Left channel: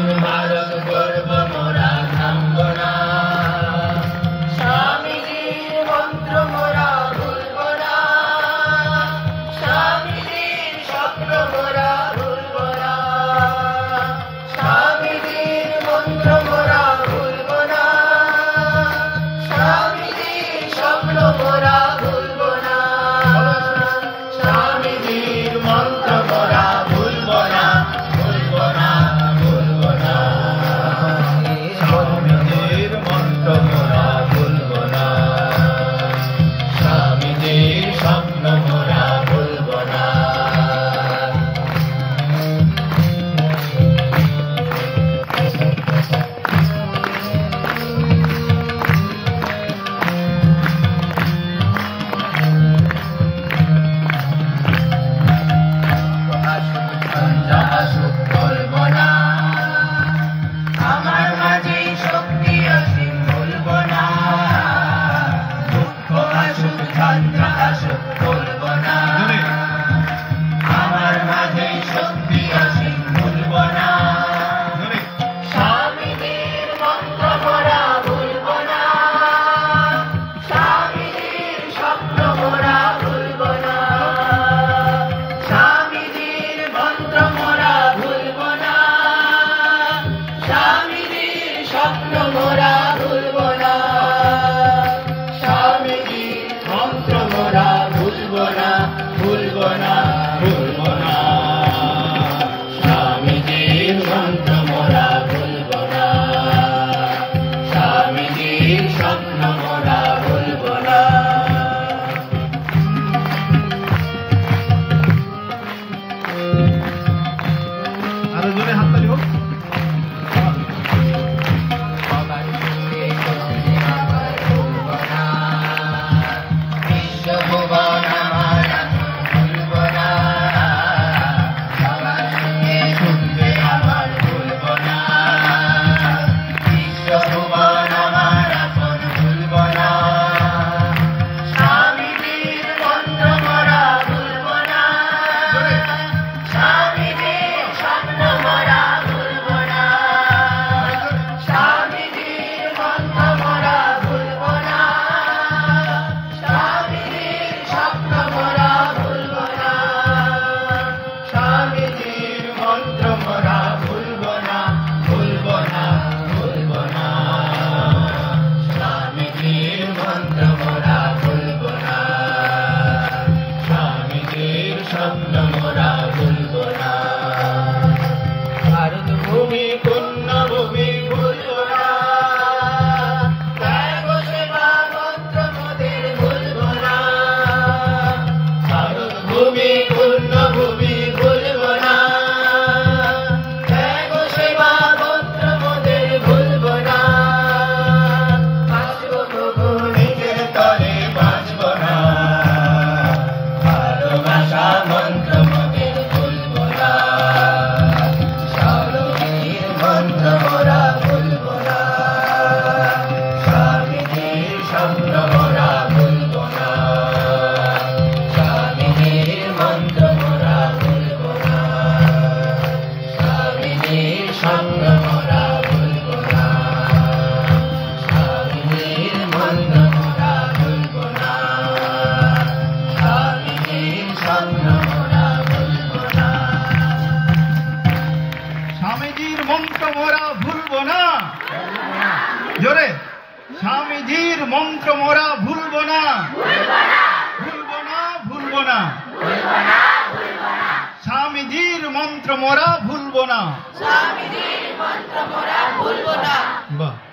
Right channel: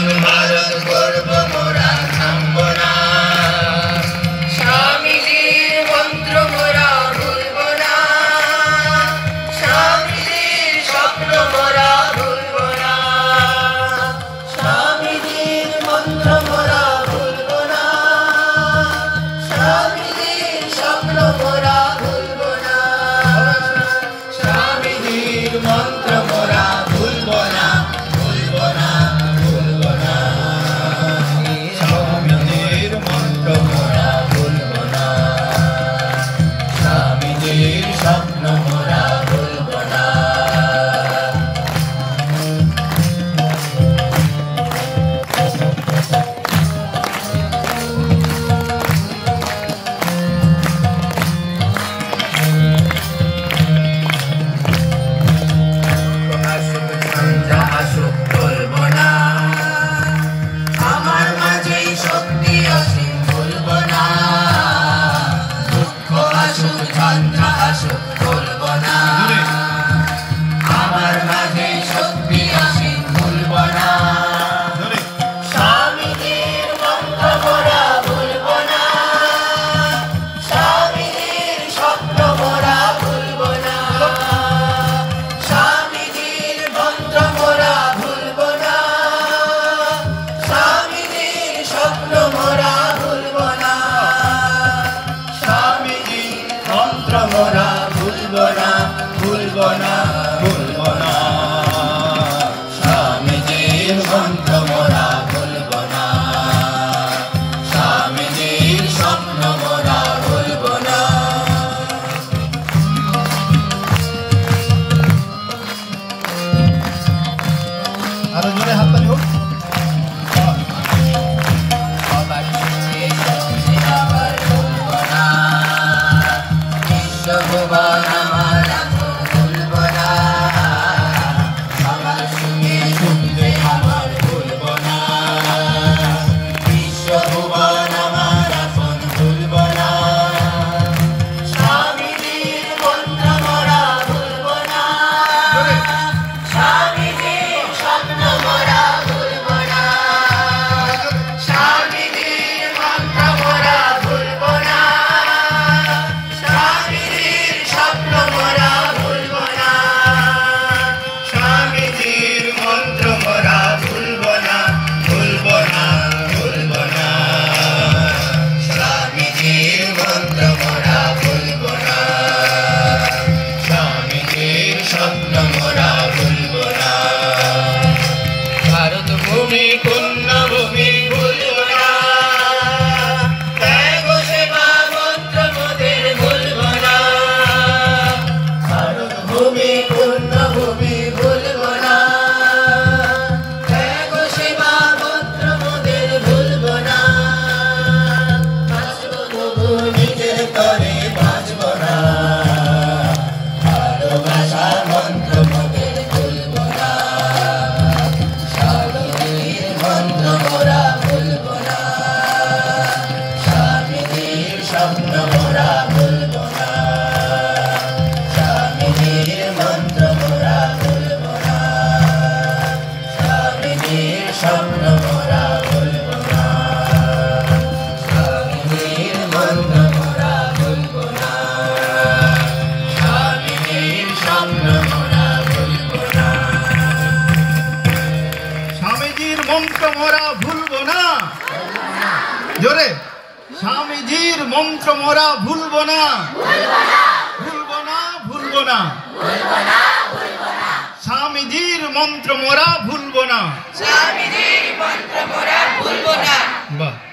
নতুন ভারত গড়ব মোরা থামব না স্বামীজির মন্ত্র মোরা ভুলব না স্বামীজির স্বপ্ন মোরা ভুলব না স্বামীজির মন্ত্র মোরা ভুলব না স্বামীজির স্বপ্ন মোরা ভুলব না স্বামীজির মন্ত্র মোরা ভুলব না ভুলব না ভুলব না স্বামীজির মন্ত্র মোরা ভুলব না স্বামীজির স্বপ্ন মোরা ভুলব না আমার মাঝে শক্তি অসীম ভুলব না দুঃখ আসুক ঝঞ্ঝা আসুক ভুলব না আমার মাঝে শক্তি অসীম ভুলব না স্বামীজির মন্ত্র মোরা ভুলব না স্বামীজির স্বপ্ন মোরা ভুলব না স্বামীজির মন্ত্র মোরা ভুলব না স্বামীজির স্বপ্ন মোরা ভুলব না স্বামীজির মন্ত্র মোরা ভুলব না ভুলব না ভুলব না স্বামীজির মন্ত্র মোরা ভুলব না স্বামীজির স্বপ্ন মোরা ভুলব না আরো জোরে হাততালি হোক। সবার সুখে সুখে আবার ভুলব না বিশ্বভুবন আমার আপন ভুলব না সবার সুখে সুখে আবার ভুলব না বিশ্বভুবন আমার আপন ভুলব না স্বামীজির মন্ত্র মোরা ভুলব না স্বামীজির স্বপ্ন মোরা ভুলব না স্বামীজির মন্ত্র মোরা ভুলব না স্বামীজির স্বপ্ন মোরা ভুলব না স্বামীজির মন্ত্র মোরা ভুলব না ভুলব না ভুলব না স্বামীজির মন্ত্র মোরা ভুলব না স্বামীজির স্বপ্ন মোরা ভুলব না ভারত ভূমি পুণ্যভূমি ভুলব না ত্যাগ সেবা মন্ত্র মোদের ভুলব না ভারত ভূমি পুণ্যভূমি ভুলব না ত্যাগ সেবা মন্ত্র মোদের ভুলব না বাঁচব তবু নিজের তরে বাঁচব না ভালোবাসা মন্ত্র মোদের ভুলব না স্বামীজির মন্ত্র মোরা ভুলব না স্বামীজির স্বপ্ন মোরা ভুলব না স্বামীজির মন্ত্র মোরা ভুলব না স্বামীজির স্বপ্ন মোরা ভুলব না স্বামীজির মন্ত্র মোরা ভুলব না স্বামীজির স্বপ্ন মোরা ভুলব না স্বামীজির মন্ত্র মোরা ভুলব না জোরে স্বামীজির মন্ত্র মোরা ভুলব না ভুলব না ভুলব না স্বামীজির মন্ত্র মোরা ভুলব না স্বামীজির মন্ত্র মোরা ভুলব না বাহ